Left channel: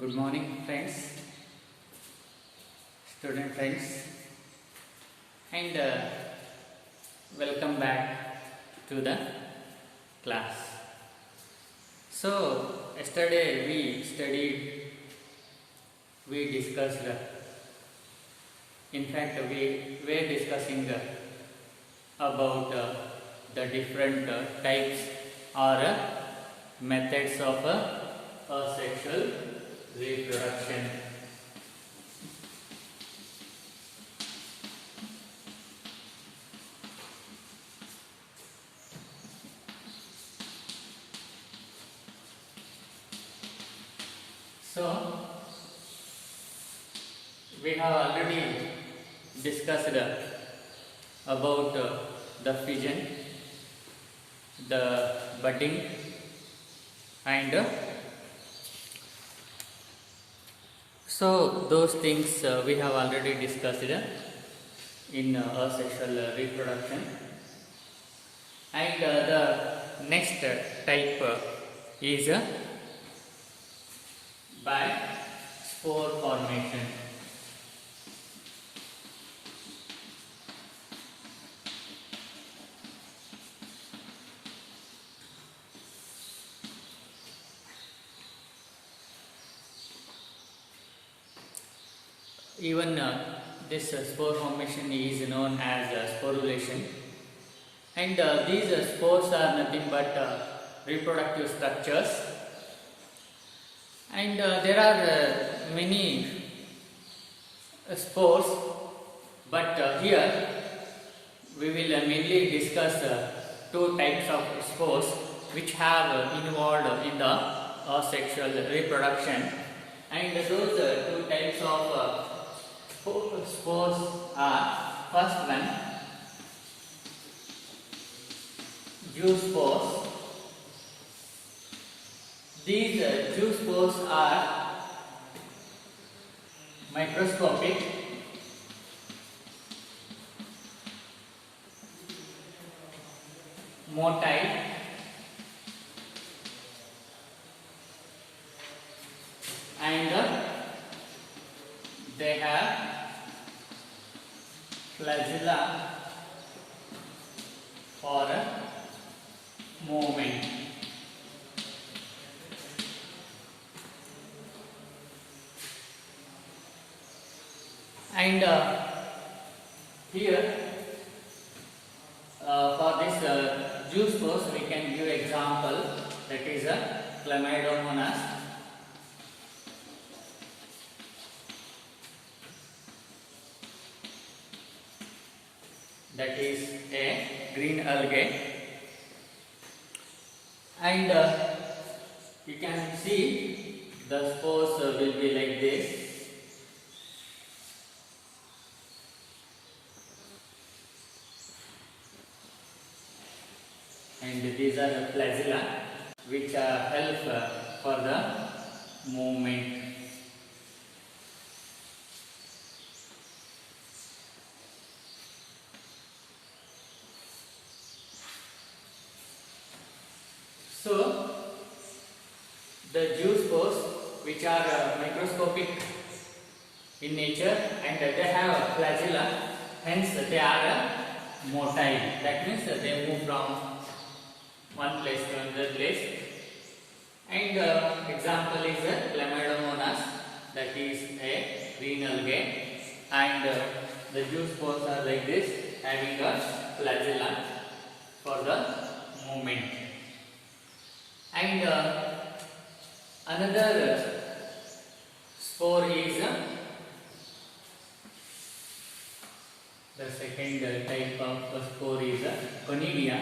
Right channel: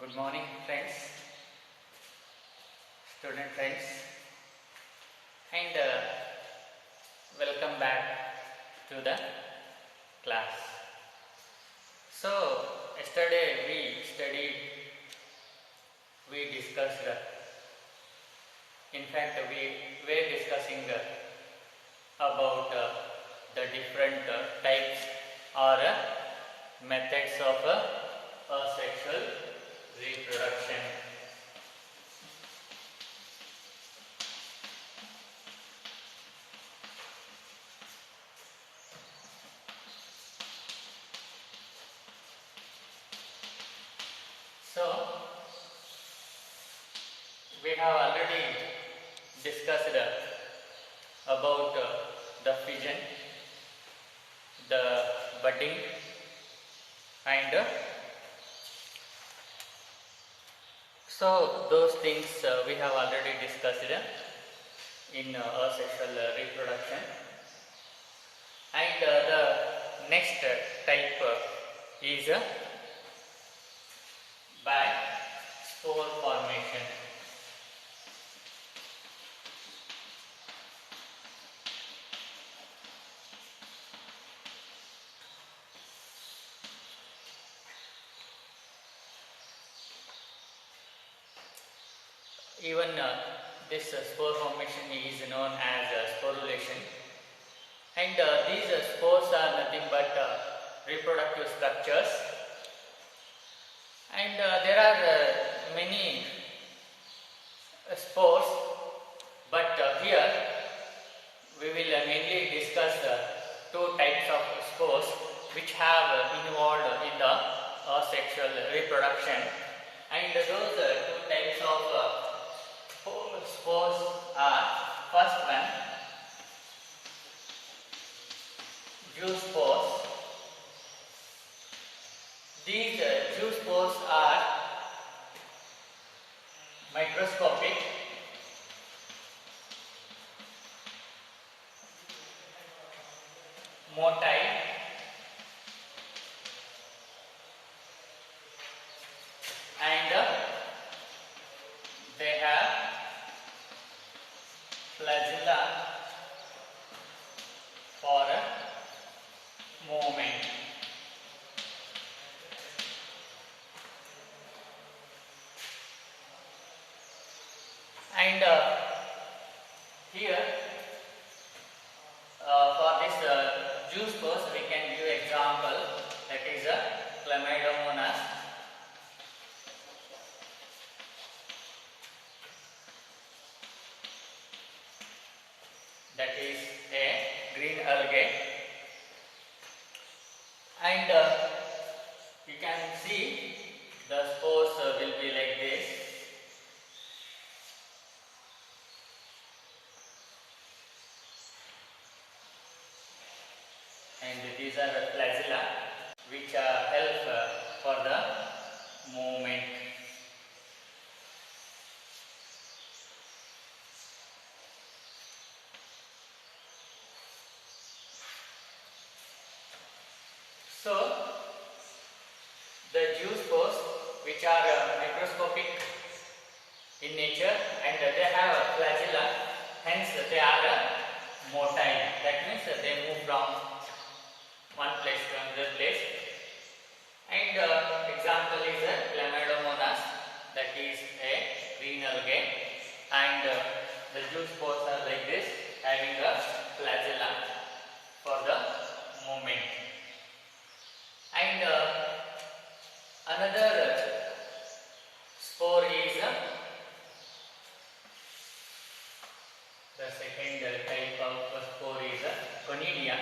Good morning, friends, student friends, and welcome back to the class. So, yesterday we discussed, in fact, we were discussing about the different types or methods of sexual reproduction. So, we have already discussed about the fission, the budding, and so those things we have already discussed in asexual reproduction. And the next type is by spore formation. Even this spore formation is known as sporulation, and these spores are nothing but reproductive structures, and there are many spores, but here we will mainly discuss two types of spores which have involved in the asexual reproduction, and those two types of spores are, first one, zoospores. These zoospores are microscopic, motile, and they have flagella for movement. And here for this zoospores we can give example, that is Chlamydomonas, that is a green algae, and you can see the spores will be like this, and these are the flagella which help for the movement. So, the zoospores, which are microscopic in nature, and they have a flagella, hence they are motile. That means they move from one place to another place. And example is Chlamydomonas, that is a green algae, and the zoospores are like this, having a flagella for the movement. And another spore is the second type of spore is conidia.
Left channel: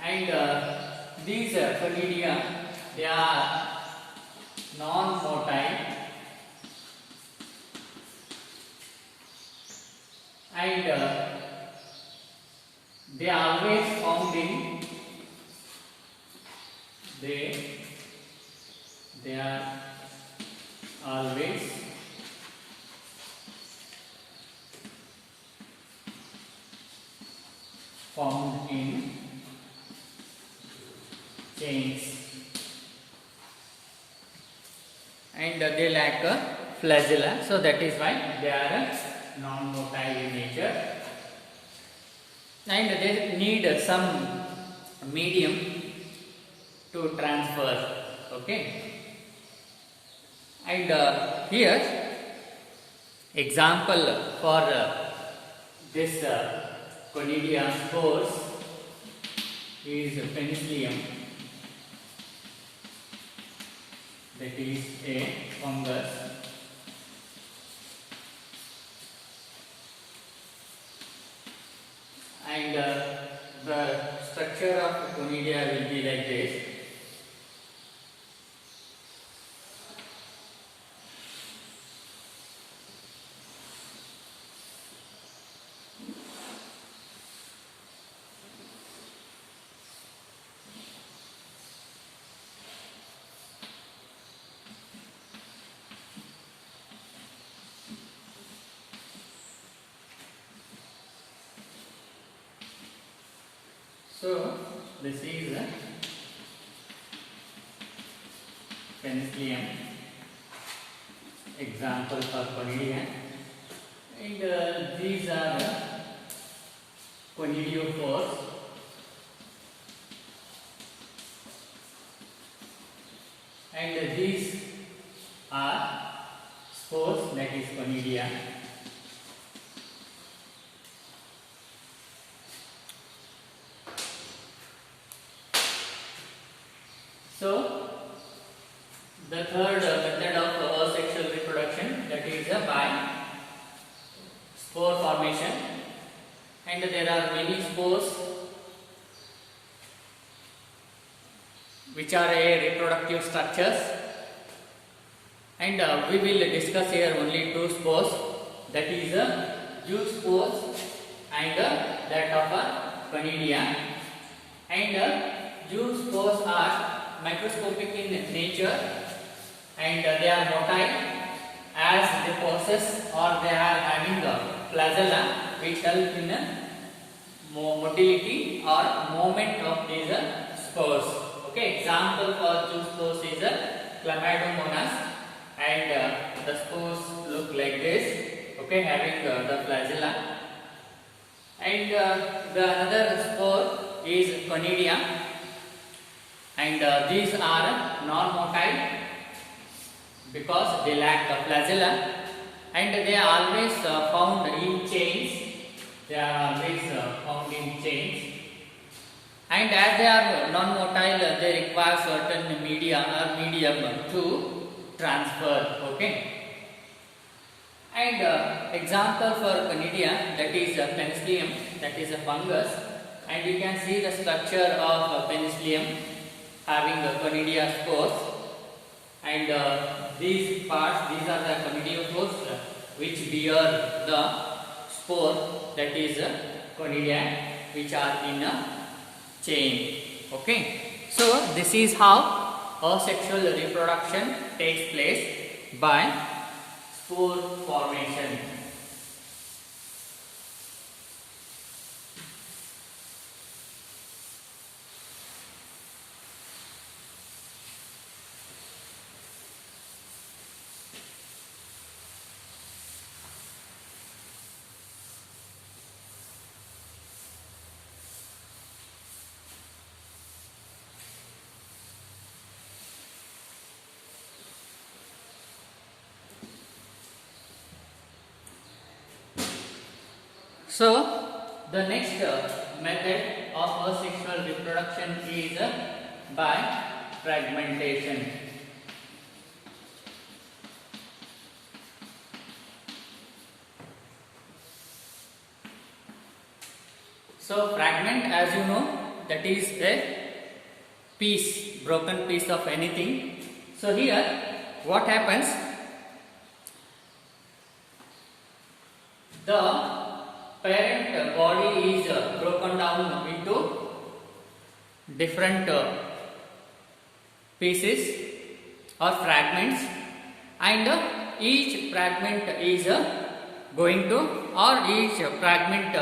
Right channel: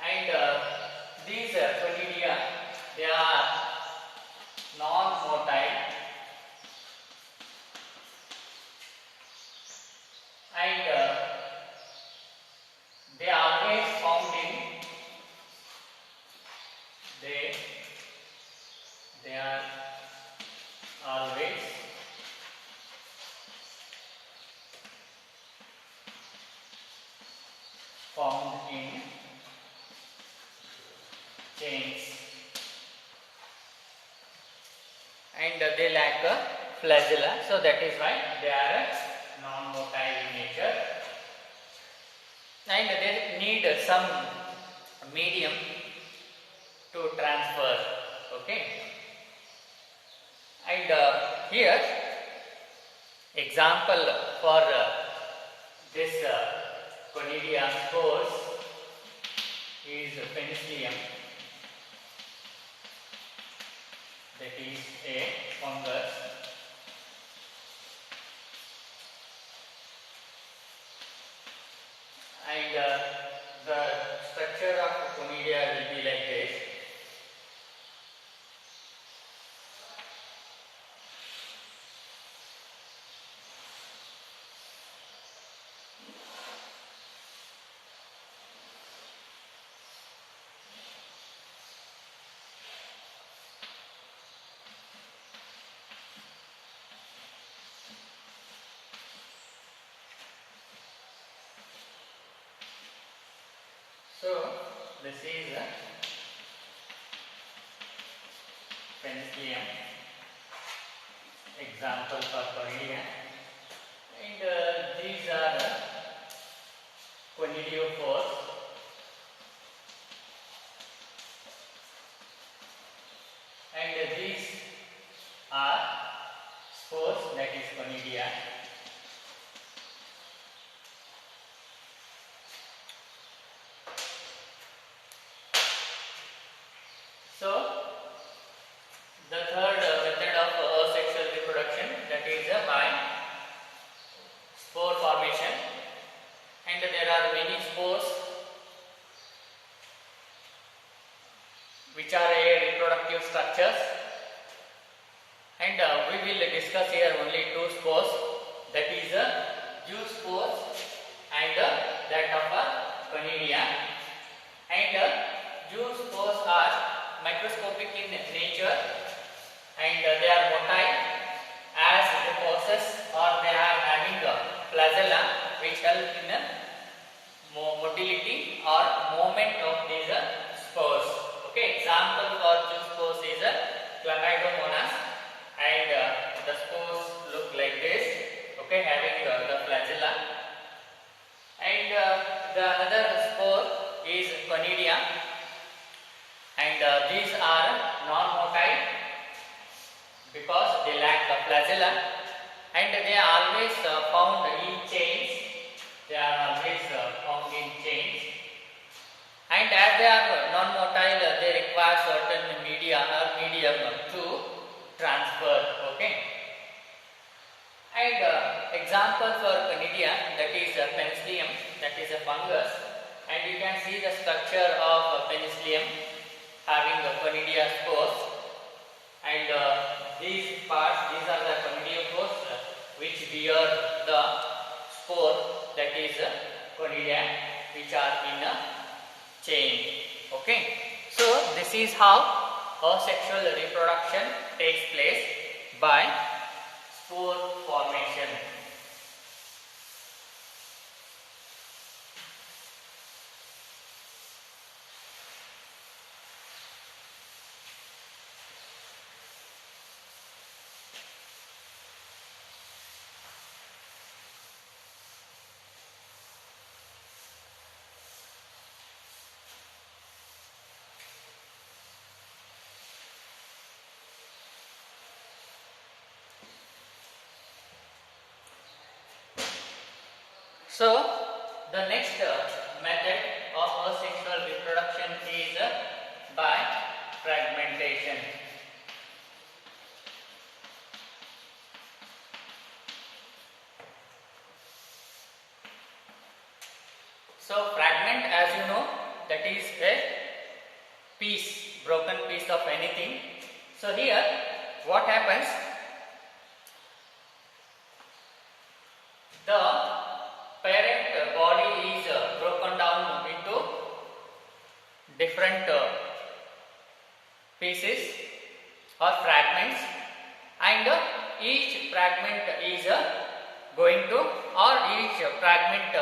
And these conidia, they are non-motile, and they are always found in they are always found in chains, and they lack a flagella, so that is why they are non-motile in nature, and they need some medium to transfer. Okay, and here example for this Conidia spores is Penicillium, that is a fungus, and the structure of Conidia will be like this. So this is a Penicillium, example for Conidia, and these are Conidiophores, and these are spores, that is Conidia. So the third method of asexual reproduction, that is by spore formation, and there are many spores which are reproductive structures, and we will discuss here only two spores, that is Jew's spores and that of Conidia, and Jew's spores are microscopic in nature, and they are motile as they possess or they are having a flagella which help in motility or movement of these spores. Okay, example for Jew spores is Chlamydomonas, and the spores look like this. Okay, having the flagella, and the another spore is Conidia, and these are non-motile because they lack the flagella, and they are always found in chains. They are always found in chains, and as they are non-motile, they require certain media or medium to transfer. Okay, and example for Conidia, that is Penicillium, that is a fungus, and you can see the structure of Penicillium having the Conidia spores, and these parts, these are the Conidiophores which bear the spore, that is Conidia, which are in a chain. Okay, so this is how asexual reproduction takes place by spore formation. So the next method of asexual reproduction is by fragmentation. So fragment, as you know, that is a piece, broken piece of anything. So here what happens, the parent body is broken down into different pieces or fragments, and each fragment is going to, or each fragment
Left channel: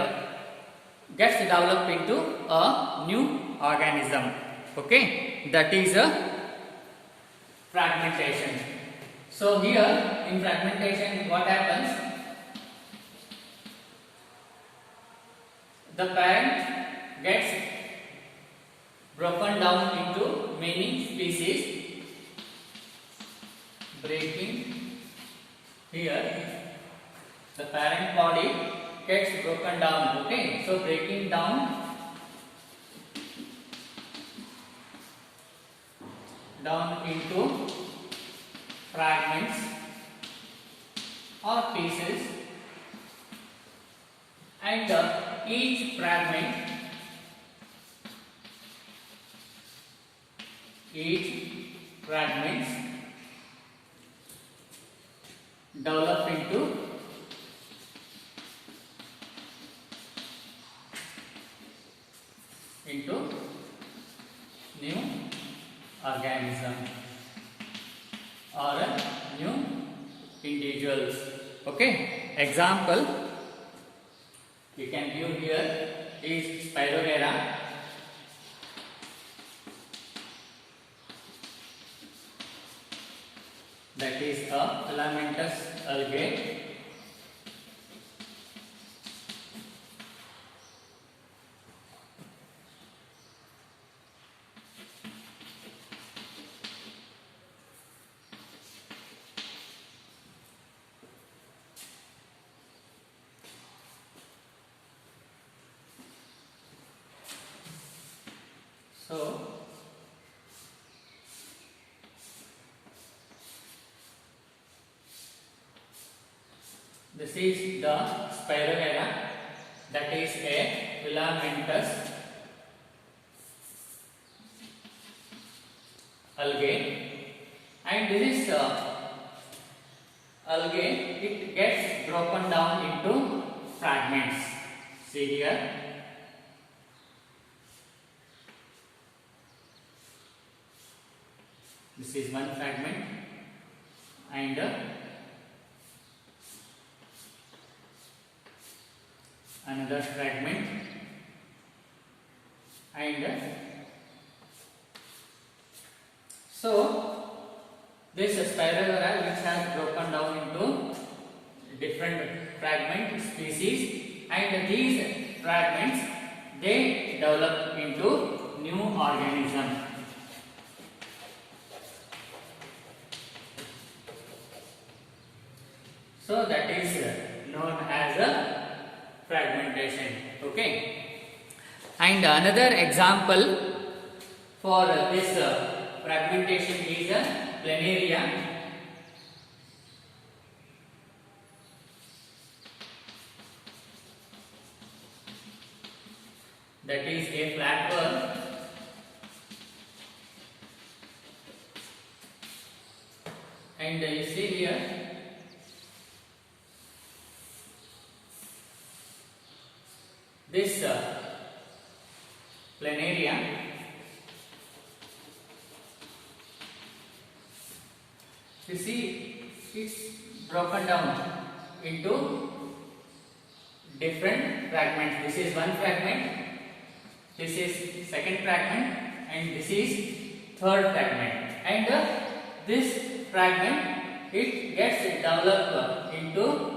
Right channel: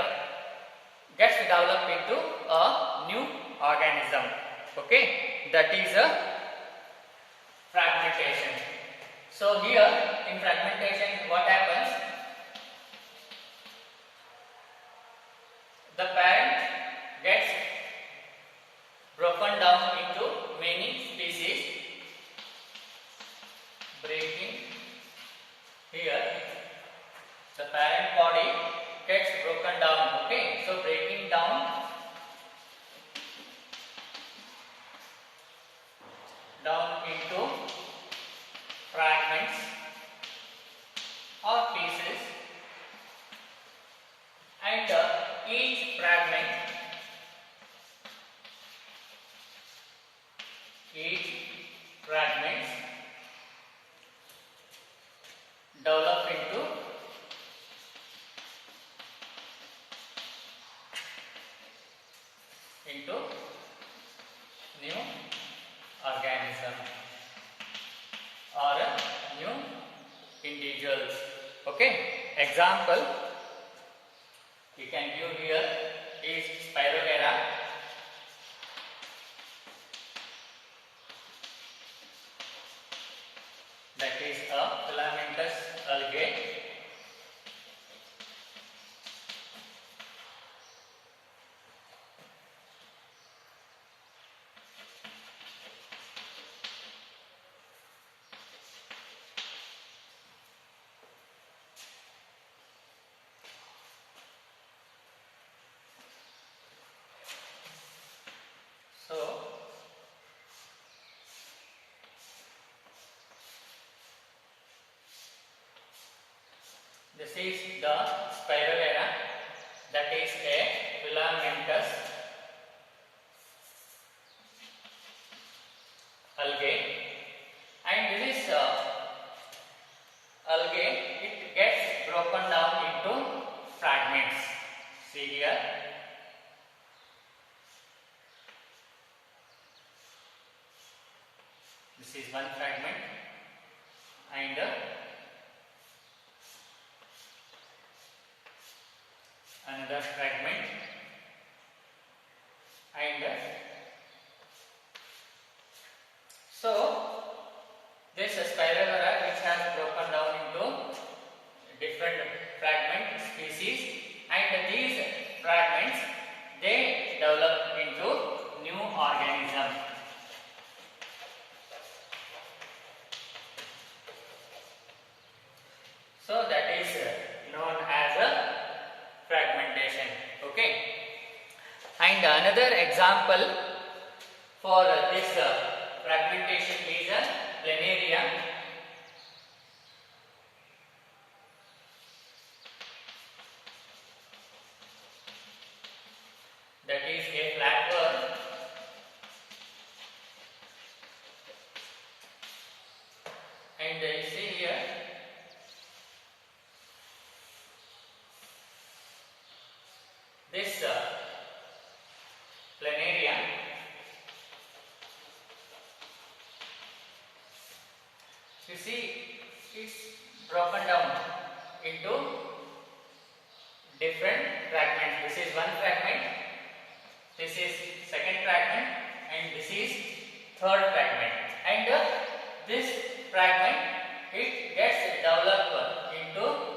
gets developed into a new organism. Okay, that is a fragmentation. So here in fragmentation, what happens? The parent gets broken down into many species, breaking here. The parent body gets broken down. Okay, so breaking down into fragments or pieces, and each fragments develop into new organism or new individuals. Okay, example you can view here is Spirogyra. That is a filamentous algae. So this is the Spirogyra, that is a filamentous algae, and this algae, it gets broken down into fragments. See here, this is one fragment, and another fragment, and so this Spirogyra, which has broken down into different fragment species, and these fragments, they develop into new organism. So that is known as a fragmentation. Okay, and another example for this fragmentation is planaria. That is a flatworm, and you see here this planaria, you see it's broken down into different fragments. This is one fragment, this is second fragment, and this is third fragment, and this fragment, it gets developed into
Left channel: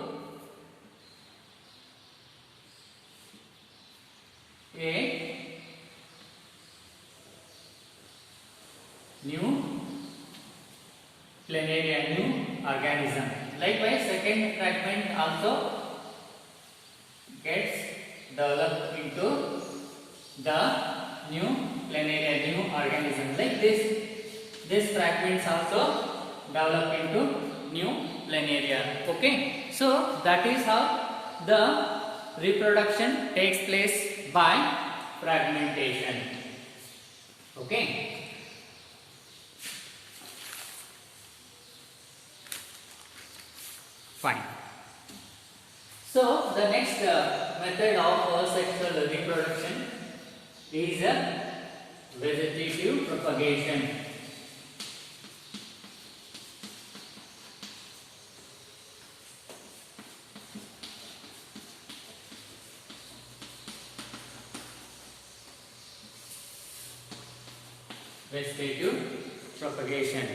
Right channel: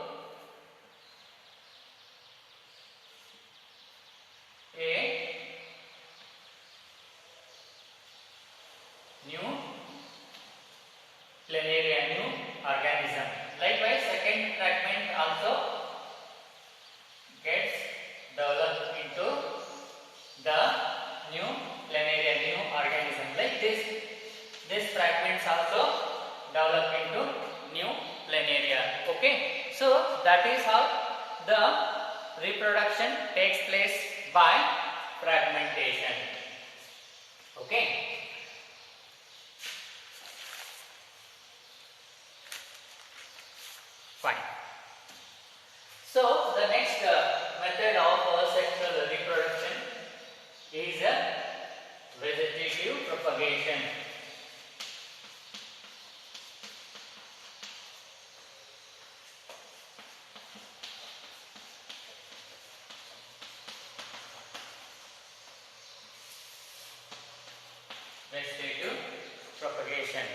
a new planaria, new organism. Likewise, second fragment also gets developed into the new planaria, new organism. Like this fragments also develop into new planaria. Okay, so that is how the reproduction takes place by fragmentation. Okay, fine. So the next method of sexual reproduction is vegetative propagation. Vegetative propagation.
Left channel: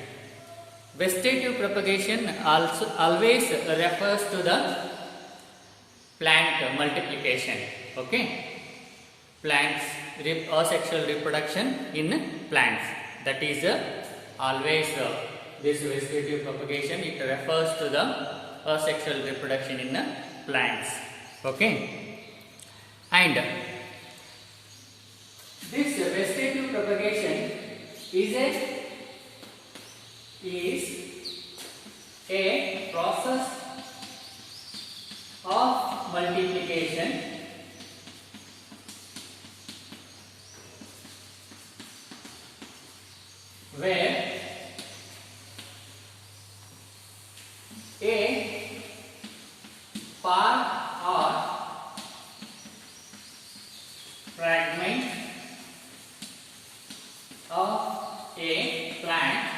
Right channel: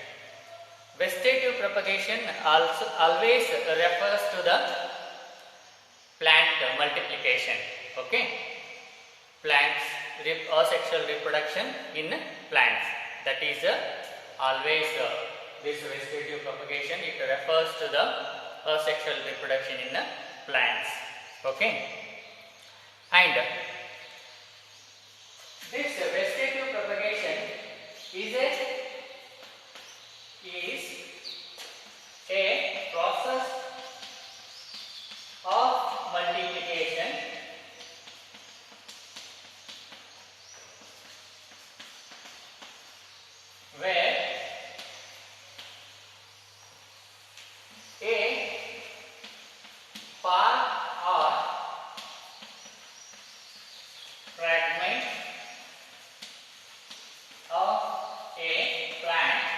Vegetative propagation also always refers to the plant multiplication. Okay, plants asexual reproduction in plants. That is always this vegetative propagation. It refers to the asexual reproduction in plants. Okay, and this vegetative propagation is a process of multiplication where a part or fragment of a plant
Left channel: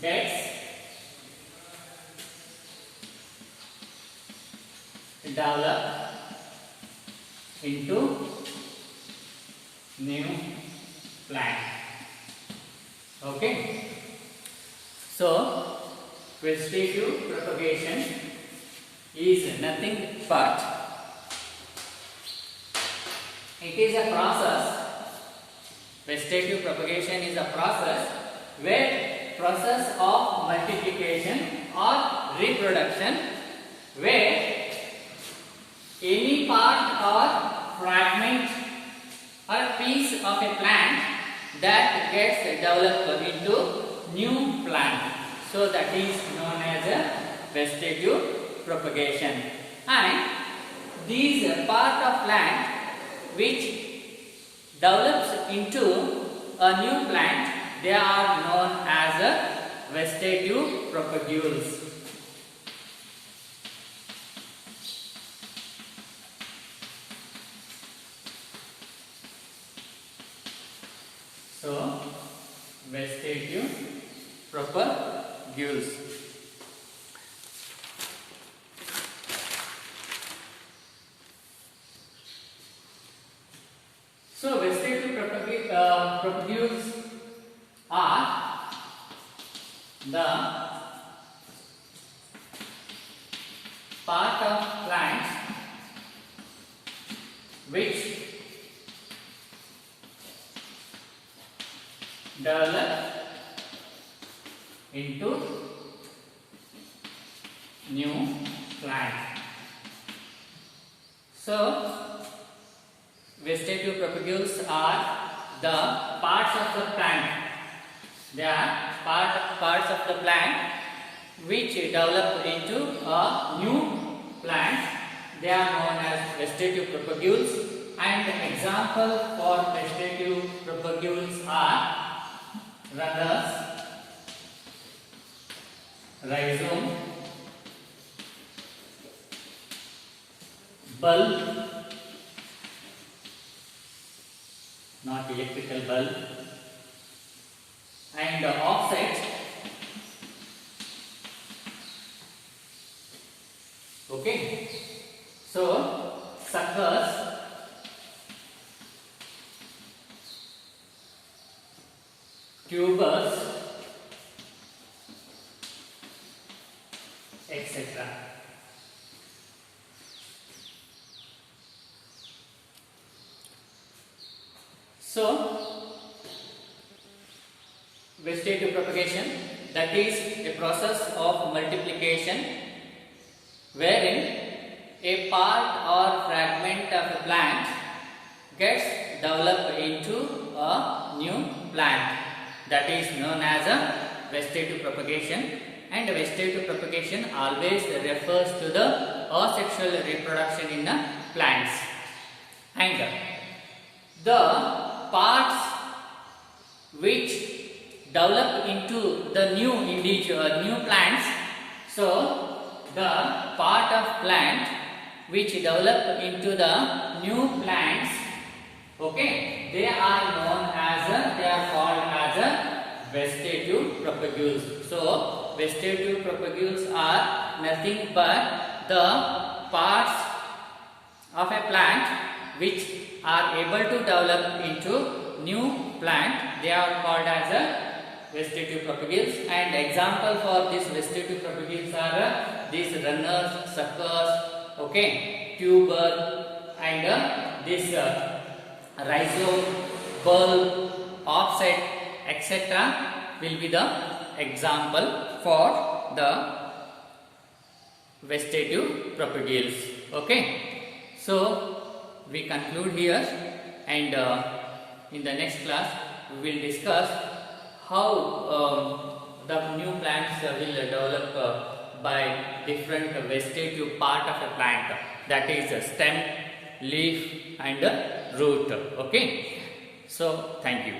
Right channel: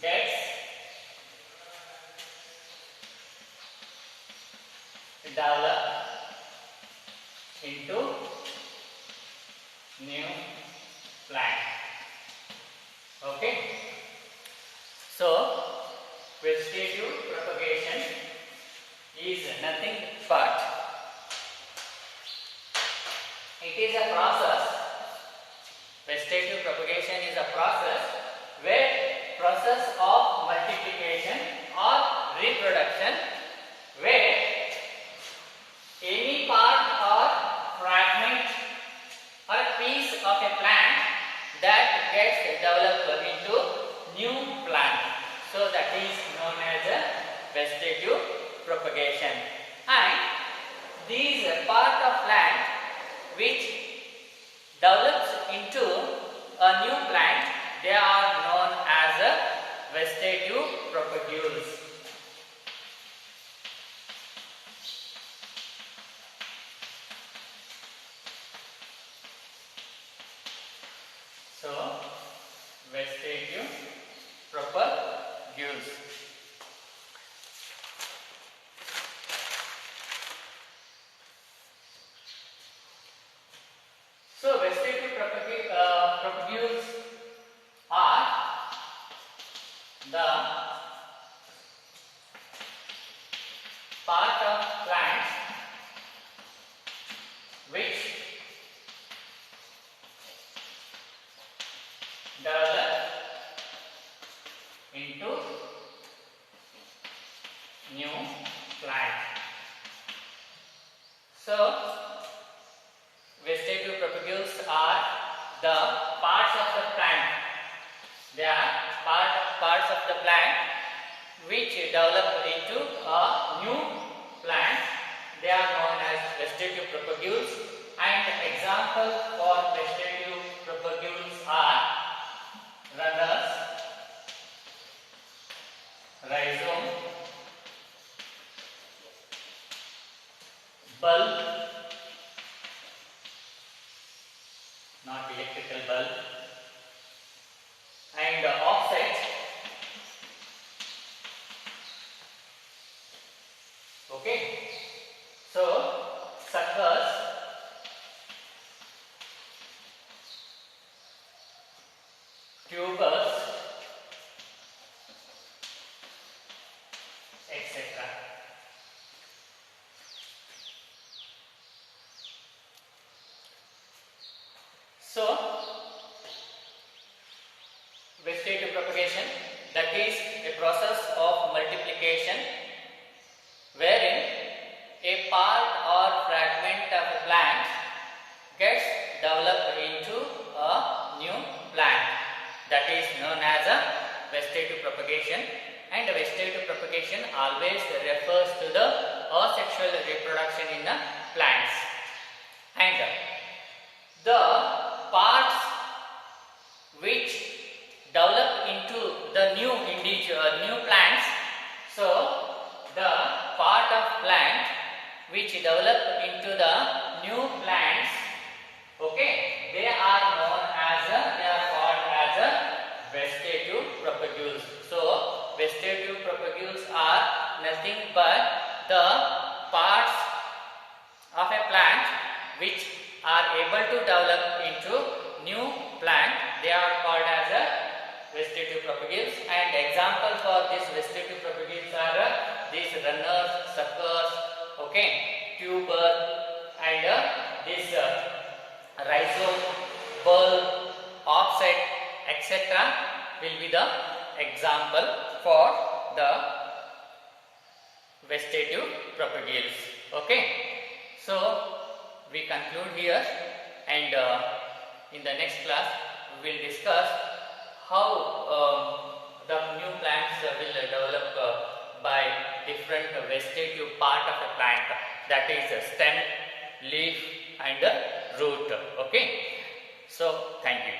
gets developed into new plant. Okay, so vegetative propagation is nothing but it is a process. Vegetative propagation is a process of multiplication or reproduction where any part or fragment or piece of a plant that gets developed into new plant. So that is known as a vegetative propagation. And these part of plant which develops into a new plant, they are known as a vegetative propagules. So, vegetative propagules. So, vegetative propagules are the part of plants which develop into new plant. So, vegetative propagules are the parts of the plant. They are parts of the plant which develop into a new plant. They are known as vegetative propagules. And example for vegetative propagules are rudder's, rhizome, bulb, not electrical bulb, and offset. Okay, so suckers, tubers, etc. So, vegetative propagation, that is a process of multiplication wherein a part or fragment of a plant gets developed into a new plant. That is known as a vegetative propagation, and vegetative propagation always refers to the asexual reproduction in the plants. And the parts which develop into the new plants, so the part of plant which develop into the new plants, okay, they are called as a vegetative propagules. So vegetative propagules are nothing but the parts of a plant which are able to develop into new plant, they are called as a vegetative propagules. And example for this vegetative propagules are these runners, suckers, okay, tuber, and this rhizome, bulb, offset, etc. will be the example for the vegetative propagules. Okay, so we conclude here, and in the next class we will discuss how the new plants will develop by different vegetative part of a plant, that is stem, leaf, and root. Okay, so thank you.